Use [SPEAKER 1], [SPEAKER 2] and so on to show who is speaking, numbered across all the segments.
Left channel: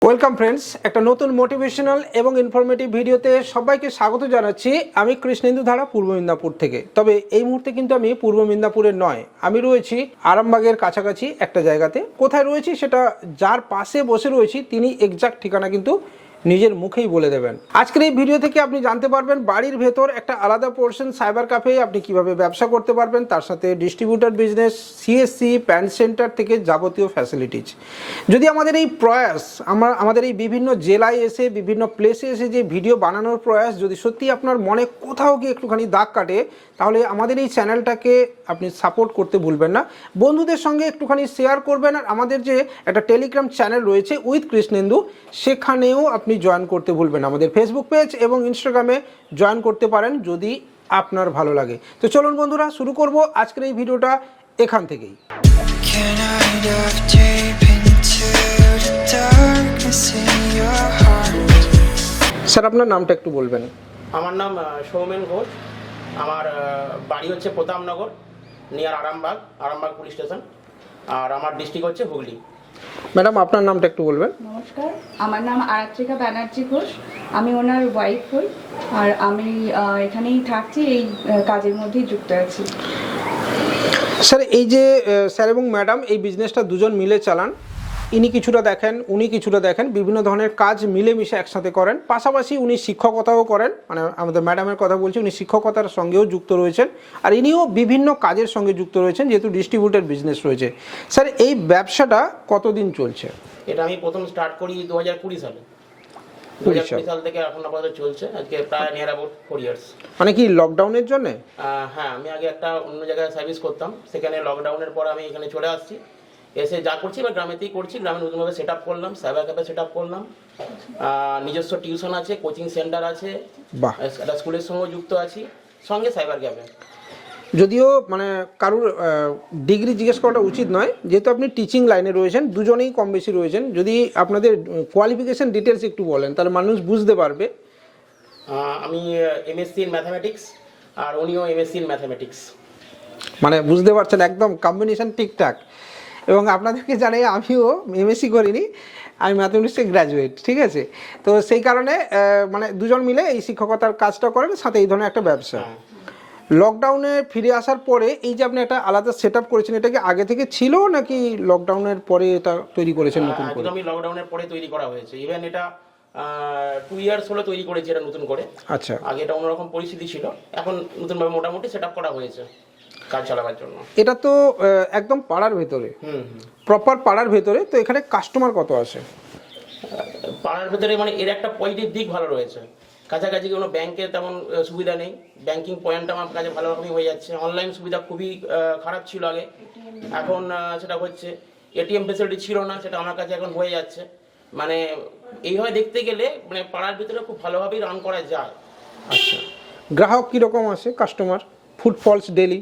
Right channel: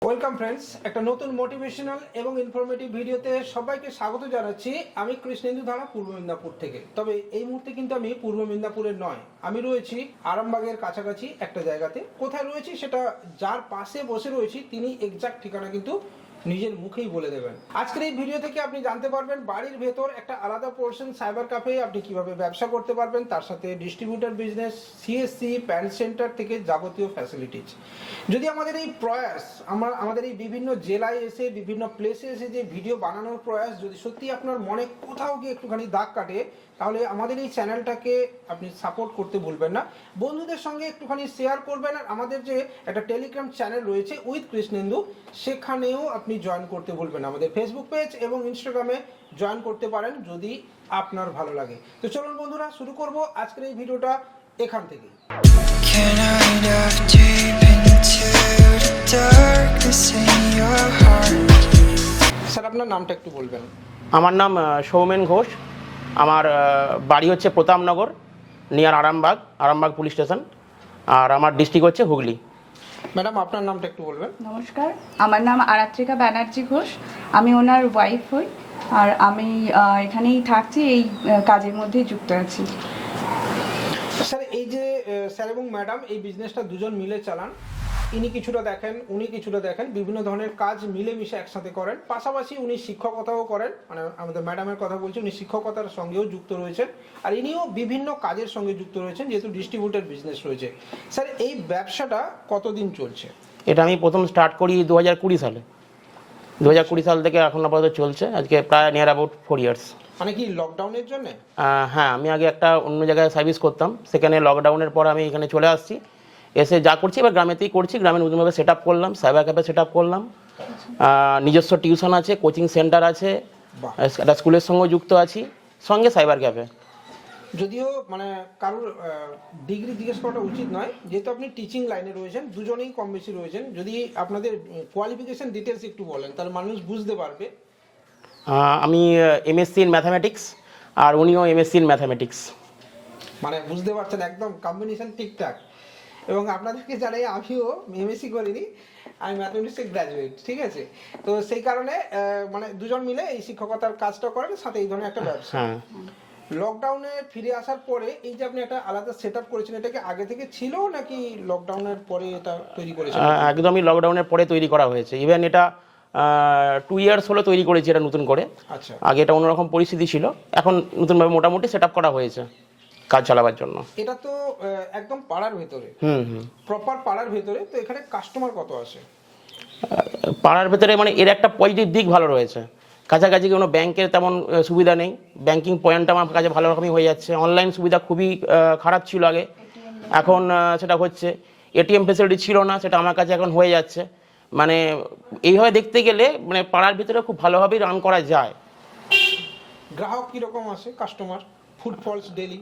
[SPEAKER 1] Welcome friends, একটা নতুন motivational এবং ইনফরমেটিভ ভিডিওতে সবাইকে স্বাগত জানাচ্ছি। আমি কৃষ্ণেন্দু ধারা, পূর্ব মেদিনীপুর থেকে। তবে এই মুহূর্তে কিন্তু আমি পূর্ব মেদিনীপুরের নয়, আমি রয়েছি আরামবাগের কাছাকাছি একটা জায়গাতে। কোথায় রয়েছি সেটা যার পাশে বসে রয়েছি তিনি এক্সাক্ট ঠিকানা কিন্তু নিজের মুখেই বলে দেবেন। আজকের এই ভিডিও থেকে আপনি জানতে পারবেন বাড়ির ভেতর একটা আলাদা পোর্শন সাইবার ক্যাফে আপনি কিভাবে ব্যবসা করতে পারবেন, তার সাথে distributor business, CSC, PAN centre থেকে যাবতীয় ফ্যাসিলিটিজ। যদি আমাদের এই প্রয়াস, আমাদের এই বিভিন্ন জেলায় এসে বিভিন্ন প্লেসে এসে যে ভিডিও বানানোর প্রয়াস যদি সত্যি আপনার মনে কোথাও গিয়ে একটুখানি দাগ কাটে, তাহলে আমাদের এই চ্যানেলটাকে আপনি সাপোর্ট করতে ভুলবেন না, বন্ধুদের সঙ্গে একটুখানি শেয়ার করবেন। আর আমাদের যে একটা টেলিগ্রাম চ্যানেল রয়েছে উইথ কৃষ্ণেন্দু, সেখানেও আপনি জয়েন করতে ভুলবেন। আমাদের ফেসবুক পেজ এবং ইনস্টাগ্রামে জয়েন করতে পারেন যদি আপনার ভালো লাগে। তো চলুন বন্ধুরা, শুরু করব আজকের এই ভিডিওটা এখান থেকেই। স্যার, আপনার নামটা একটু বলবেন।
[SPEAKER 2] আমার নাম সৌমেন ঘোষ। আমার বাড়ি হচ্ছে Pratapnagar, near Arambagh police station. আর আমার ডিস্ট্রিক্ট হচ্ছে হুগলি।
[SPEAKER 1] ম্যাডাম, আপনার নামটা একটু বলবেন।
[SPEAKER 3] নমস্কার, আমার নাম আরাত্রিকা ব্যানার্জি ঘোষ। আমি ওনার ওয়াইফ হই, আর আমি এখানেই থাকছি, এই কাজের মধ্যেই যুক্ত আছি।
[SPEAKER 1] স্যার, এই যে স্যার এবং ম্যাডাম এই বিজনেসটা দুজন মিলে চালান, ইনি কিছুটা দেখেন, উনি কিছুটা দেখেন, বিভিন্ন ধরনের কাজ মিলেমিশে একসাথে করেন। পাশাপাশি উনি শিক্ষকতাও করেন, মানে আমাদের ম্যাডামের কথা বলছি, উনি শিক্ষকতার সঙ্গেও যুক্ত রয়েছেন। আর ইনিও বিভিন্ন কাজের সঙ্গে যুক্ত রয়েছেন, যেহেতু ডিস্ট্রিবিউটার বিজনেস রয়েছে। স্যার, এই ব্যবসাটা কতদিন চলছে?
[SPEAKER 2] এটা আমি প্রথম স্টার্ট করি 2020 সালে। 2020 সাল থেকে এখন আপাতত চলছে, আজকে প্রায় নিয়ার অ্যাবাউট 4 ইয়ার্স।
[SPEAKER 1] মানে কি লকডাউনের জন্য?
[SPEAKER 2] হ্যাঁ, আমি আগে একটা অন্য জায়গায় সার্ভিস করতাম, সেখানে লকডাউনের পর আমি এখানে চলে আসছি। এসে যা করছি এবার গ্রামেতেই করছি, গ্রামে নতুনভাবে সেট আপ করলাম, সাইবার ক্যাফে সেট আপ করলাম। নিজস্ব টিউশন আছে, কোচিং সেন্টার আছে, একটা স্কুলের সঙ্গেও যুক্ত আছি, সঙ্গে সাইবার ক্যাফে।
[SPEAKER 1] যদিও মানে কারুর ডিগ্রি জিজ্ঞেস করাটা উচিত নয়, যেহেতু আপনি টিচিং লাইনে রয়েছেন, দুজনেই কম বেশি রয়েছেন। যদি আপনাদের কোয়ালিফিকেশন ডিটেলস একটু বলেন তাহলে মানুষ বুঝতে পারবে।
[SPEAKER 2] আমি এমএসসি ইন ম্যাথামেটিক্স, আর উনিও এমএসসি ইন ম্যাথামেটিক্স।
[SPEAKER 1] মানে বুঝতে পারছেন, একদম কম্বিনেশন ঠিকঠাক। এবং আপনাদেরকে জানাই আমিও এমএসসি করিনি, আমি ম্যাথমেটিক্সে গ্র্যাজুয়েট, ঠিক আছে? তো সেই কারণে মানে দুজন মিলে এই শিক্ষকতার কাজটা করেন, সাথে এই ধরনের একটা ব্যবসা। লকডাউনে ফিরে আসার পরে এই যে আপনি একটা আলাদা সেট আপ করেছেন, এটা কি আগে থেকে ছিল নাকি লকডাউনের পরে এটা তৈরি করেছেন?
[SPEAKER 2] একদমই লকডাউনের পরে তৈরি করা হয়েছে। ইভেন এটা 2 ইয়ার্স হলো তৈরি করেছি এটা নতুন করে।
[SPEAKER 1] আচ্ছা,
[SPEAKER 2] আগে এটা অন্যরকম পরিস্থিতি ছিল, এখন নতুনভাবে মোটামুটি সেট আপ করা হয়েছে কাজ চালাবার জন্য।
[SPEAKER 1] এটা তো একদম পাড়ার ভেতরে, প্রপার পাড়ার ভেতরে, তো এখানে কাস্টমার কত আসে?
[SPEAKER 2] পাড়ার ভেতরে মানে এর একটা পজিটিভ দিক ভালো রয়েছে। কাছাকাছি কোনো ব্যাংকের তেমন সুবিধা নেই, ব্যাংকিং পয়েন্টটা আমার কাছে ভালো রকমই হয়ে যাচ্ছে। অনলাইন সুবিধা খুবই খারাপ ছিল আগে, এখন সেটা হচ্ছে। এটিএম ফেসিলিটি ছিল না, সেটা আমার কাছে এখন হয়ে যাচ্ছে। মানে এইভাবে দেখতে গেলে মানে পাড়ার ভিতরে খুব ভালোভাবেই রান করা যায়।
[SPEAKER 1] আচ্ছা, গ্রাহক কীরকম আসে, customer footfalls daily?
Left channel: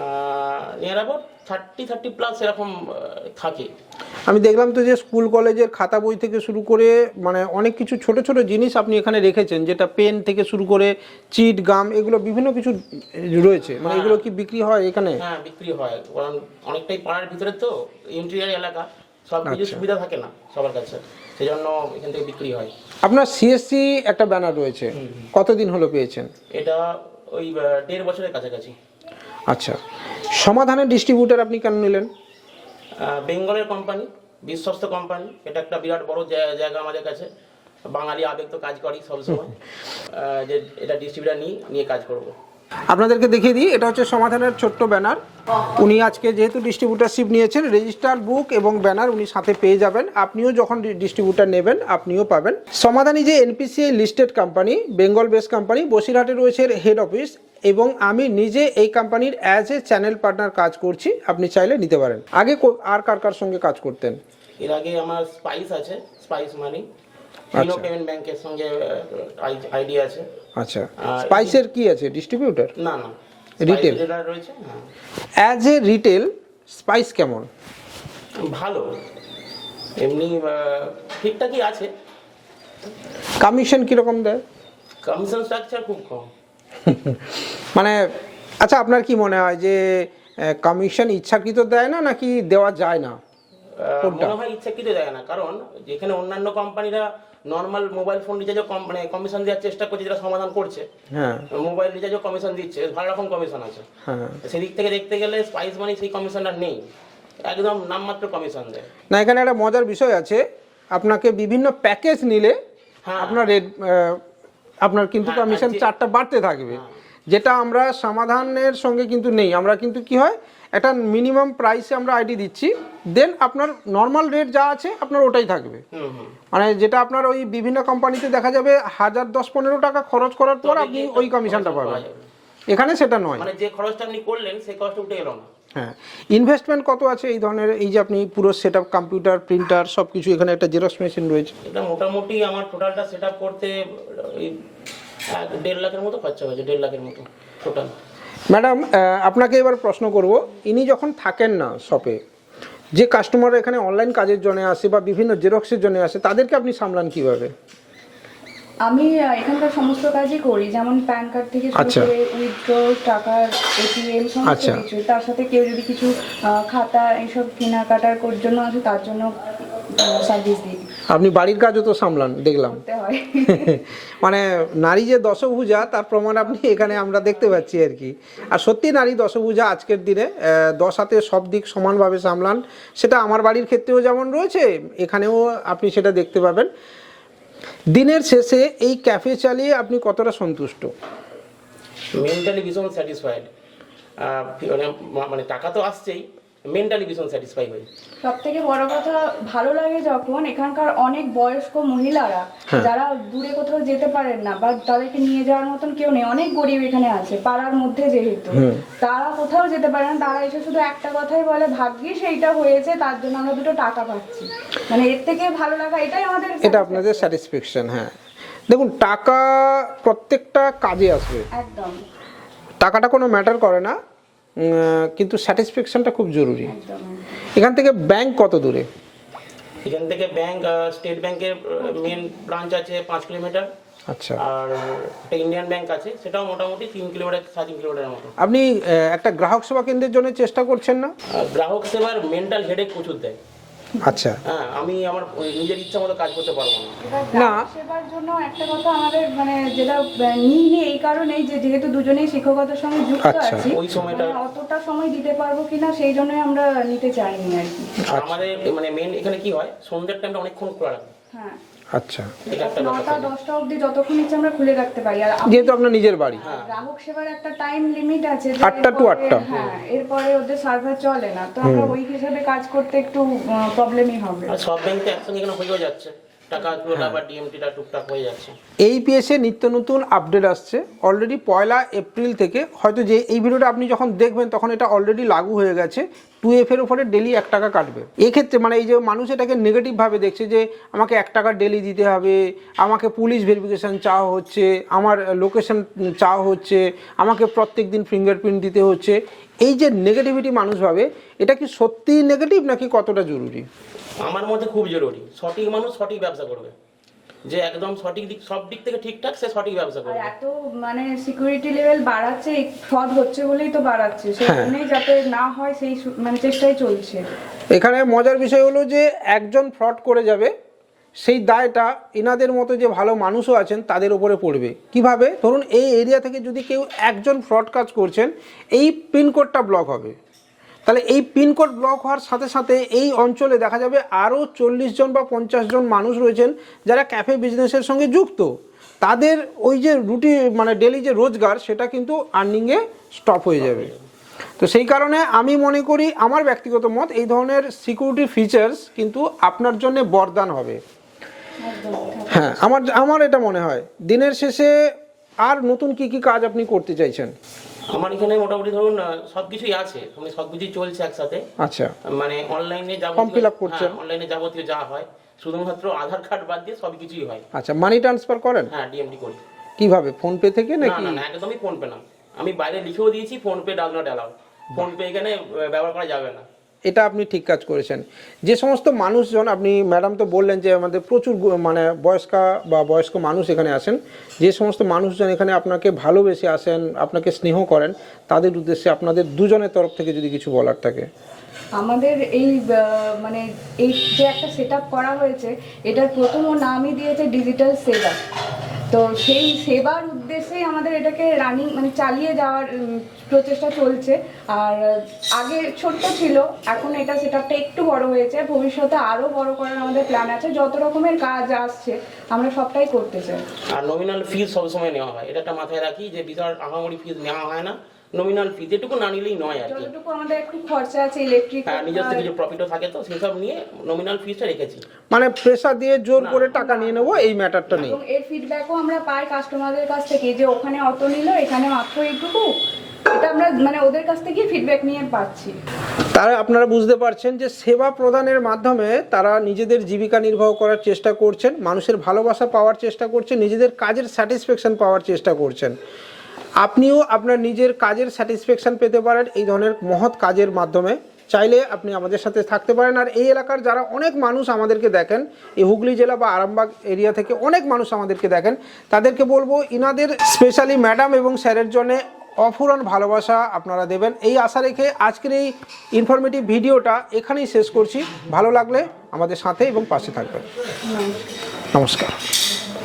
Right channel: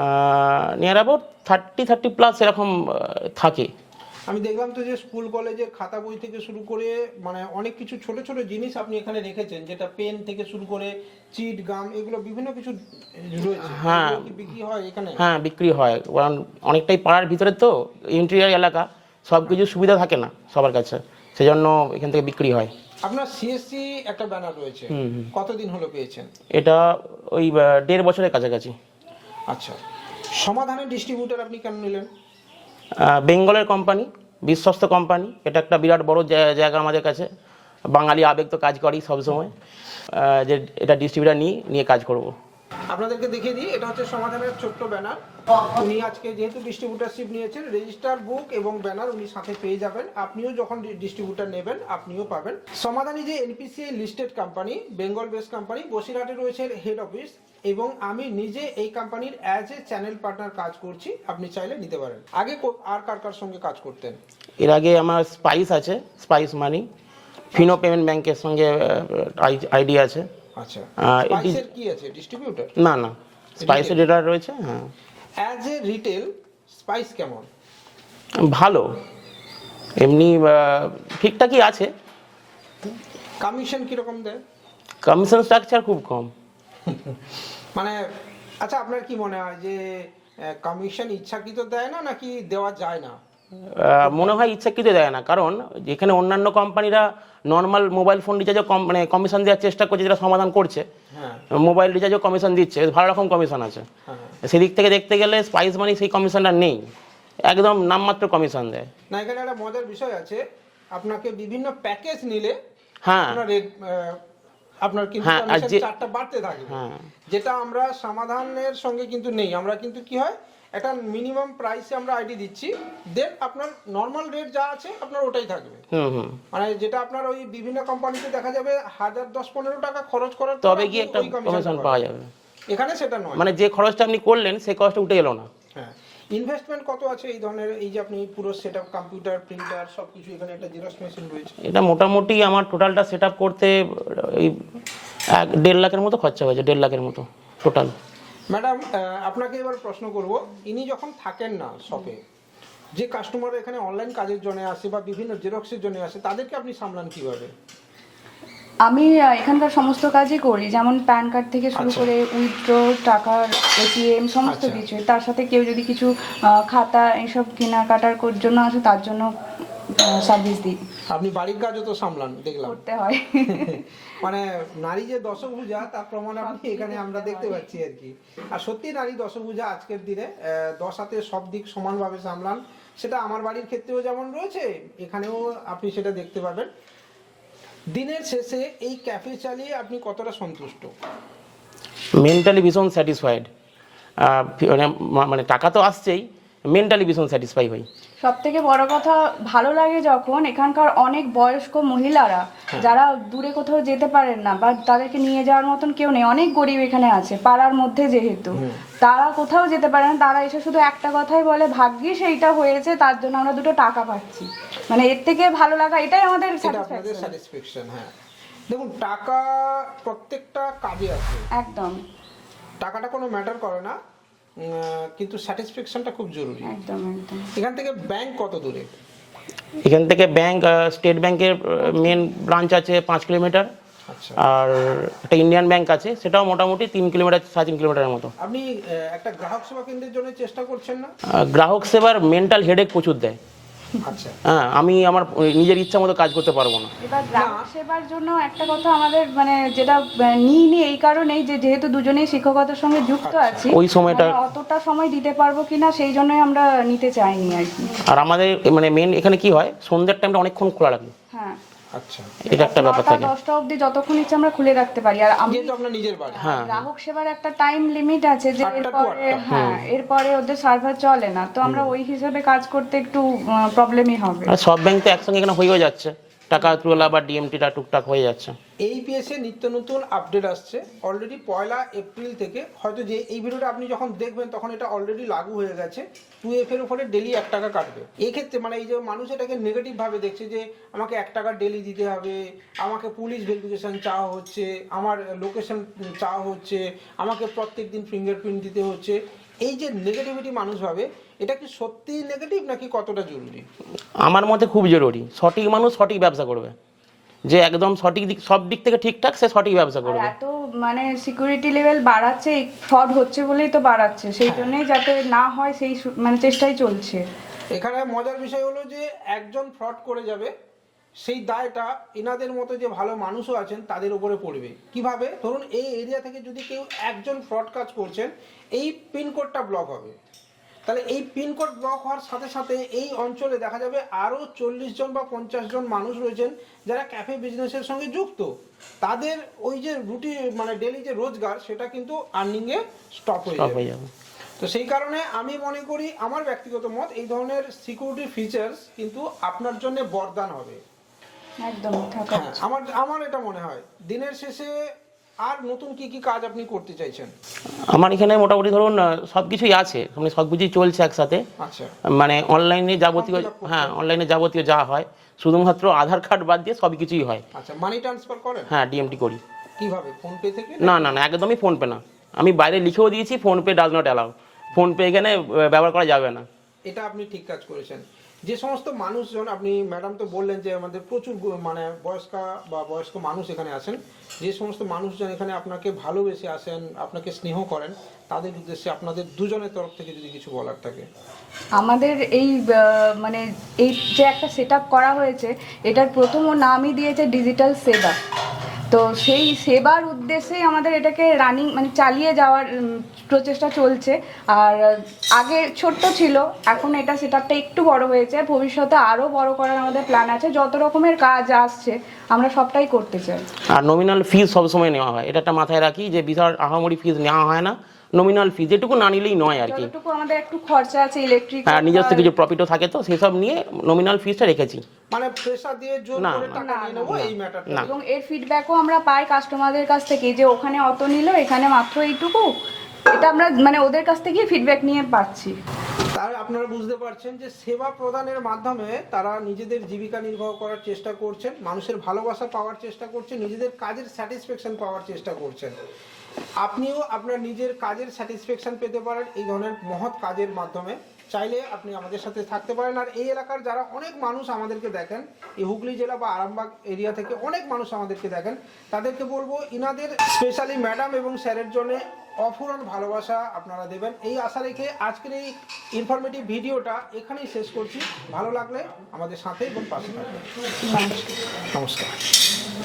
[SPEAKER 2] Near about 30+ এরকম থাকে।
[SPEAKER 1] আমি দেখলাম তো যে স্কুল কলেজের খাতা বই থেকে শুরু করে মানে অনেক কিছু ছোট ছোট জিনিস আপনি এখানে রেখেছেন, যেটা পেন থেকে শুরু করে চিট, গাম, এগুলো বিভিন্ন কিছু রয়েছে। এগুলো কি বিক্রি হয় এখানে?
[SPEAKER 2] হ্যাঁ, বিক্রি হয়, কারণ অনেকটাই পাড়ার ভিতরে তো, ইন্টেরিয়ার এলাকা, সব কিছু সুবিধা থাকে না সবার কাছে, সেজন্য এখান থেকে বিক্রি হয়।
[SPEAKER 1] আপনার সিএসসি একটা ব্যানার রয়েছে, কতদিন হলো পেয়েছেন?
[SPEAKER 2] এটা ওই 1.5 বছরের কাছাকাছি।
[SPEAKER 1] আচ্ছা, সমাধানের ডিস্ট্রিবিউটার আপনি কেন নিলেন?
[SPEAKER 2] বেঙ্গলের কোম্পানি, বিশ্বস্ত কোম্পানি, এটা একটা বিরাট বড় জায়গা আমাদের কাছে। বাঙালি আবেগ তো কাজ করি সবসময়, যে এটা ডিস্ট্রিবিউটার নিয়ে কাজ করব।
[SPEAKER 1] আপনাদেরকে দেখিয়ে দিই, এটা হচ্ছে সমাধানের ছোট্ট ব্যানার। উনি আজকে যেহেতু ডিস্ট্রিবিউটারশিপ নিয়েছেন, রেজিস্টার বুক এবং ব্যানার উনি সাথে পেয়ে যাবেন। আপনিও যখন ডিস্ট্রিবিউটার নেবেন আপনিও পাবেন। সমাধানী যে NPCI listed company, Bengal base company, বসিরহাটে রয়েছে হেড অফিস, এবং আমি নিজে এই কোম্পানির অ্যাজ এ চ্যানেল পার্টনার কাজ করছি। আপনি চাইলে নিতে পারেন। আগে আর কার সঙ্গে কাজ করতেন?
[SPEAKER 2] এর আগে আমার স্পাইস আছে, স্পাইস মানি, ফিনো পেমেন্ট ব্যাংকের সঙ্গে আইডি আছে।
[SPEAKER 1] আচ্ছা, স্পাইসের কি আছে, ডিস্ট্রিবিউটার?
[SPEAKER 2] না, স্পাইস ডিলার রয়েছে। হ্যাঁ,
[SPEAKER 1] অ্যাজ এ রিটেল স্পাইস কেমন?
[SPEAKER 2] ভালো, এমনি ঠিকঠাকই আছে।
[SPEAKER 1] কমিশন কীরকম দেয়?
[SPEAKER 2] কমিশন স্ট্রাকচার খুব কম।
[SPEAKER 1] মানে আচ্ছা, আপনার কি মনে হয় যে কমিশন ইচ্ছাকৃত দেয় না, নাকি দেওয়া যায় না?
[SPEAKER 2] মনে হয় ইচ্ছাকৃত দেয় না, কারণ এখানে অন্যান্য কোম্পানিরা নর্মাল মোবাইল ফোন রিচার্জও মানে কমিশন দেওয়ার চেষ্টা করছে, যেটা সমাধান করছে।
[SPEAKER 1] হ্যাঁ
[SPEAKER 2] মোবাইল রিচার্জও কমিশন দিচ্ছে, ভালো রকম কমিশন আছে।
[SPEAKER 1] হ্যাঁ।
[SPEAKER 2] সেদিক থেকে দেখতে গেলে স্পাইস মানি সেই কমিশনটা নেই, একদম নামমাত্র কমিশন দেয়।
[SPEAKER 1] না, এখানে একটা মজার বিষয় আছে, আপনাকে বিভিন্ন প্যাকেজ নিলে
[SPEAKER 2] হ্যাঁ
[SPEAKER 1] আপনার রেট আপনার কিন্তু
[SPEAKER 2] হ্যাঁ, আর
[SPEAKER 1] কমিশন
[SPEAKER 2] যে-
[SPEAKER 1] চারটা বাড়তে থাকবে,
[SPEAKER 2] হ্যাঁ।
[SPEAKER 1] যেটা আমরা সমাধানের সঙ্গে কিন্তু নেই। আমরা কিন্তু কি হয়, একটা মিনিমাম প্রাইসে আমরা আইডি দিচ্ছি, দেন আপনার নর্মাল রেট যা আছে আপনার ওটাই থাকবে। মানে যেটা আপনার ওই বিভিন্ন কোম্পানিতে দেখা যাবে 1000-15 টাকা খরচ করার পর
[SPEAKER 2] তবে
[SPEAKER 1] আপনি
[SPEAKER 2] গিয়ে
[SPEAKER 1] ওই কমিশনটা
[SPEAKER 2] পাওয়া
[SPEAKER 1] পাবেন,
[SPEAKER 2] যাবে।
[SPEAKER 1] এখানে সেটা নয়।
[SPEAKER 2] মানে যে খরচটা আপনি করলেন সেই খরচটা উঠে এলো না।
[SPEAKER 1] হ্যাঁ, ইনভেস্টমেন্ট কত আছে এই ধরনের? এই যে আপনি পুরো সেটআপ, কম্পিউটার, প্রিন্টার সব কিছু, এখানে একটা জেরক্স মেশিন রয়েছে।
[SPEAKER 2] এটা মোটামুটি আমার টোটালটা সেট আপ করতে এই 1.5 লাখের মতো খরচা হয়েছে, 1.5 লাখের মতো টোটাল।
[SPEAKER 1] ম্যাডাম, আপনাকে এবার প্রশ্ন করব, ইনি যখন থাকেন না শপে, যে কাস্টমার এখানে অনলাইন কাজের জন্য আসে বা বিভিন্ন জেরক্সের জন্য আসে, তাদেরকে আপনি সামলান কিভাবে?
[SPEAKER 3] আমি এখানকার সমস্ত কাজই করি, যেমন প্যান কার্ড থেকে শুরু
[SPEAKER 1] আচ্ছা।
[SPEAKER 3] করে উইথড্র, টাকার এটিএম, সমস্ত
[SPEAKER 1] আচ্ছা।
[SPEAKER 3] কিছু। তার সাথে কেউ যদি কিছু খাতা এইসব কেনাকাটার জন্য আসে, তার জন্য সার্ভিস দিই,
[SPEAKER 1] আপনি বাড়ির কাজও তো সামলান দেখলাম।
[SPEAKER 3] করতে হয়।
[SPEAKER 1] মানে নারী যে দশভুজা তার প্রমাণ আপনি এখানে আমরা দেখতে পাচ্ছি আর কি। আর সত্যি নারী দশভুজা আজকের দিনে 10 হাতে সব দিক সমানভাবে সামলান। সেটা আমার বাড়ির ক্ষেত্রেও যেমন রয়েছে, এখানেও আপনি সেটা দেখতে পাবেন। দিনের শেষে এই ক্যাফে চালিয়ে আপনি কতটা সন্তুষ্ট?
[SPEAKER 2] মেন্টালি ভীষণ স্যাটিসফাইড। মানে টাকা তো আসছেই, মেন্টালি ভীষণ স্যাটিসফাই হই।
[SPEAKER 3] সব থেকে বড় কথা ভালো লাগে যখন এখানকার অনেক বয়স্ক মহিলারা যারা দূরে কোথাও যেতে পারেন না বা তাদেরকে নিয়ে যাওয়ার মতন কেউ নেই, অনেক গরিব এখানে আছে পাড়ার মধ্যে, যেহেতু তারা কোথাও যেতে পারে না, তারা এসে শুধু একটা কথাই বলে, ভাগ্যিস এইটা হয়েছে, তার জন্য আমরা 2 টাকা পাচ্ছি। মানে এর থেকে ভালো লাগা এটাই আমাদের
[SPEAKER 1] এটা আপনাদের স্যাটিসফ্যাকশন। হ্যাঁ, দেখুন, টাকা প্রত্যেকটা কাজে আসবে,
[SPEAKER 3] একদম
[SPEAKER 1] টাকাটা কোনো ম্যাটার করে না, কিন্তু স্যাটিসফ্যাকশনটা খুব জরুরি।
[SPEAKER 3] একদম একদম।
[SPEAKER 1] এখান থেকে ব্যাংক কত দূরে?
[SPEAKER 2] এখান থেকে ব্যাংক, স্টেট ব্যাংকের মেন ব্রাঞ্চ আছে 5 কিলোমিটার।
[SPEAKER 1] আচ্ছা।
[SPEAKER 2] আর একটা ইন্ডিয়ান ব্যাংক আছে, সেটাও মোটামুটি 3 কিলোমিটার, 3.5 কিলোমিটারের মতো।
[SPEAKER 1] আপনি একটা গ্রাহক সেবা কেন্দ্রের জন্য চেষ্টা করছেন না?
[SPEAKER 2] গ্রাহক সেবার মেন্টাল হেডেক প্রচুর দেয়।
[SPEAKER 1] আচ্ছা।
[SPEAKER 2] হ্যাঁ, আমি আমার নিজের ইচ্ছা মতো কাজ করতে পারবো না।
[SPEAKER 3] এবার গ্রাহক সেবার জন্য একটা কথা আমাদের মানে যেটা নিই এই কারণেই যে যেহেতু দুজনেই শিক্ষকতার সঙ্গে যুক্ত
[SPEAKER 1] আচ্ছা,
[SPEAKER 3] আছি,
[SPEAKER 2] ওই সময়টা
[SPEAKER 3] মানে অতটা সময় দিতে পারবো কিনা সেই জন্যই আমরা নিতে চাইনি আর কি।
[SPEAKER 2] আর আমাদের মানে মেন এখানে কি হয়, সন্ধ্যের টাইমটা অনেকক্ষণ খোলা রাখি।
[SPEAKER 3] হ্যাঁ,
[SPEAKER 1] আচ্ছা,
[SPEAKER 2] এটা একটা ব্যাপার থাকে।
[SPEAKER 3] 9টা অবধি যতক্ষণ ইচ্ছে আমরা খুলে রাখতে পারি। আর
[SPEAKER 1] যেহেতু আপনার নিজের বাড়ি।
[SPEAKER 2] হ্যাঁ,
[SPEAKER 3] গ্রাহক সেবার একটা টাইম লিমিট আছে যে
[SPEAKER 1] 8টা to 8টা।
[SPEAKER 3] হ্যাঁ, এরপরে ওদের সার্ভার চলে না, তো আমরা ওই হিসাবে কাজ করতে একটু প্রবলেমই হবে।
[SPEAKER 2] আর সব ব্যাংক তো একসঙ্গে এখানে হয়েও যাচ্ছে, টাকা তোলা বা ডিএমটিটা টুকটাক হয়ে যাচ্ছে।
[SPEAKER 1] এইপিএসে নিত্য নতুন আপডেট আসছে অলরেডি 1 এপ্রিল থেকে। হয়তো যে এই ভিডিওটা আপনি যখন দেখবেন তখন এটা অলরেডি লাগু হয়ে গেছে। 2F এর উপরে ডেলি 1 টাকা কাটবে। এক্ষেত্রে মানে এই যে মানুষ এটাকে নেগেটিভভাবে দেখছে যে আমাকে 1 টাকা ডেলি দিতে হবে, আমাকে পুলিশ ভেরিফিকেশান চাওয়া হচ্ছে, আমার লোকেশন চাওয়া হচ্ছে, আমাকে প্রত্যেক দিন ফিঙ্গারপ্রিন্ট দিতে হচ্ছে, এই যে নেগেটিভিটি মানুষ ভাবে, এটা কি সত্যিই নেগেটিভ নাকি কতটা জরুরি?
[SPEAKER 2] আমার মতে খুব জরুরি। সঠিক মানুষ সঠিক ব্যবসা করবে, যে একদম সঠিক দিক, সব দিক থেকে ঠিকঠাক, সে সঠিক ব্যবসা
[SPEAKER 3] আর
[SPEAKER 2] করবে।
[SPEAKER 3] এত মানে সিকিউরিটি লেভেল বাড়াচ্ছে, ফ্রড হচ্ছে বলেই তো বাড়াচ্ছে, সেই জন্যই যাতে না হয় সেই মানে চেষ্টাই চলছে।
[SPEAKER 1] এখানে মজার বিষয় হলো যে একজন ফ্রড করে যাবে, সেই দায়টা এনাদের মতো যে ভালো মানুষও আছেন তাদের উপরে পড়বে। কিভাবে? ধরুন এই এরিয়া থেকে যদি কেউ একজন ফ্রড কাজ করছেন, এই পিনকোডটা ব্লক হবে, তাহলে এই পিনকোড ব্লক হওয়ার সাথে সাথে এই অঞ্চলে দেখা যাবে আরও 40 জন বা 50 জন মানুষ রয়েছেন যারা ক্যাফে বিজনেসের সঙ্গে যুক্ত। তাদের ওই যে রুটি মানে ডেলি যে রোজগার, সেটা কিন্তু আর্নিংয়ে স্টপ হয়ে যাবে। তো সেই কারণে আমি মনে করি, আমার ব্যক্তিগত মত, এই ধরনের সিকিউরিটি ফিচার্স কিন্তু আপনার জন্য বরদান হবে।
[SPEAKER 3] একদম
[SPEAKER 1] হ্যাঁ, আমার এটা মনে হয়। দিনের শেষে আর নতুন কি কি কাজ আপনি করতে চাইছেন?
[SPEAKER 2] আমার এখানে মোটামুটি ধরুন সবকিছুই আছে, মানে সবকিছুই চলছে একসাথে।
[SPEAKER 1] আচ্ছা,
[SPEAKER 2] মানে অনলাইনে যাবতীয়,
[SPEAKER 1] Form fill up করছেন?
[SPEAKER 2] হ্যাঁ অনলাইনে যাবতীয় যা হয়, শুধুমাত্র আধার কার্ড বাদ দিয়ে সব কিছুই হয়।
[SPEAKER 1] আচ্ছা, মানি ট্রান্সফার করেন?
[SPEAKER 2] হ্যাঁ, ডিএমটি করি।
[SPEAKER 1] কিভাবে? ফোনপে থেকে?
[SPEAKER 2] না না না, একদমই ফোনপে না। আমি বাইরে লিখেও দিয়েছি PhonePe does not allow, PhonePe এখানে ব্যবহার করা যাবে না।
[SPEAKER 1] এটা আপনি ঠিক কাজ করেছেন। যে সমস্ত মানুষজন, আপনি ম্যাডাম তো বললেন যে আমাদের প্রচুর মানে বয়স্ক মানুষ এখানে আসেন, যে সমস্ত মানুষজন এখানে আপনাকে ভালোবেসে আসেন, আপনাকে স্নেহ করেন, তাদের উদ্দেশ্যে আপনাদের দুজনের তরফ থেকে যদি কিছু বলার থাকে।
[SPEAKER 3] আমাদের এই মানে এই যে একটা সেট করা হয়েছে, এটার প্রথম নামই দিয়েছে ডিজিটাল সেবা। তো সেই সেবার উদ্দেশ্যেই আমাদের এটাকে রানিং মানে চালিয়ে যাওয়ার প্রচেষ্টা চলছে। আর আগে ছোট্ট ছিল, এখন এটা সেটআপটা একটু বড় হয়েছে, ভবিষ্যতে আরও বড় করার আমাদের প্ল্যান আছে। যত রকমের কাজ আসছে আমরা সবটাই করতে চাই।
[SPEAKER 2] আর নমিনাল ফিজ সবসময় নেওয়া হয়, এটা একটা মাথায় রাখি যে বিশাল আহামরি ফিজ নেওয়া হয় না, নমিনাল ফিজ এটুকু না নিলেই নয় আর কি।
[SPEAKER 3] যতটুকু আমাদের একটু খরচা আছে ইলেকট্রিক,
[SPEAKER 2] হ্যাঁ, নিজস্ব কিছু প্রফিটও থাকে, তো সেসব নিয়ে নমিনাল ফিজটা রেখেছি।
[SPEAKER 1] মানে প্রেসার দিয়ে জোর করে টাকা নিয়ে নেবো এই ম্যাটারটা নেই।
[SPEAKER 3] এবং এর ফিডব্যাকও আমরা পাই কাস্টমারদের কাছ থেকে যে ওখানে অত নিল, এখানে মাত্র এইটুকু। এটা আমরা মানে ওদের কাছ থেকেই ফিডব্যাক নিয়ে পাচ্ছি।
[SPEAKER 1] তারা আপনারা বুঝতে পারছেন যে সেবা প্রদানের মাধ্যমে তারা নিজেদের জীবিকা নির্বাহ করার চেষ্টা করছেন, মানুষের ভালোবাসা পাওয়ার চেষ্টা করছেন, নিজেদের কাজের স্যাটিসফ্যাকশন পাওয়ার চেষ্টা করছেন। আপনিও আপনার নিজের কাজের স্যাটিসফ্যাকশন পেতে পারেন এই ধরনের মহৎ কাজের মাধ্যমে। চাইলে আপনি আমাদের সাথে থাকতে পারেন। আর এই এলাকার যারা অনেক মানুষ আমাদেরকে দেখেন, এই হুগলি জেলা বা আরামবাগ এরিয়া থেকে অনেক মানুষ আমাদেরকে দেখেন, তাদেরকে বলবো ইনাদের স্পেশালি ম্যাডাম এবং স্যারের জন্য অফুরান ভালোবাসা আপনারা দেবেন এই আশা রেখে আজকের এই ইনফরমেটিভ ভিডিওটা এখানেই শেষ করছি। ভালো লাগলে আমাদের সাথে এবং পাশে থাকবেন।
[SPEAKER 3] নমস্কার।
[SPEAKER 1] নমস্কার।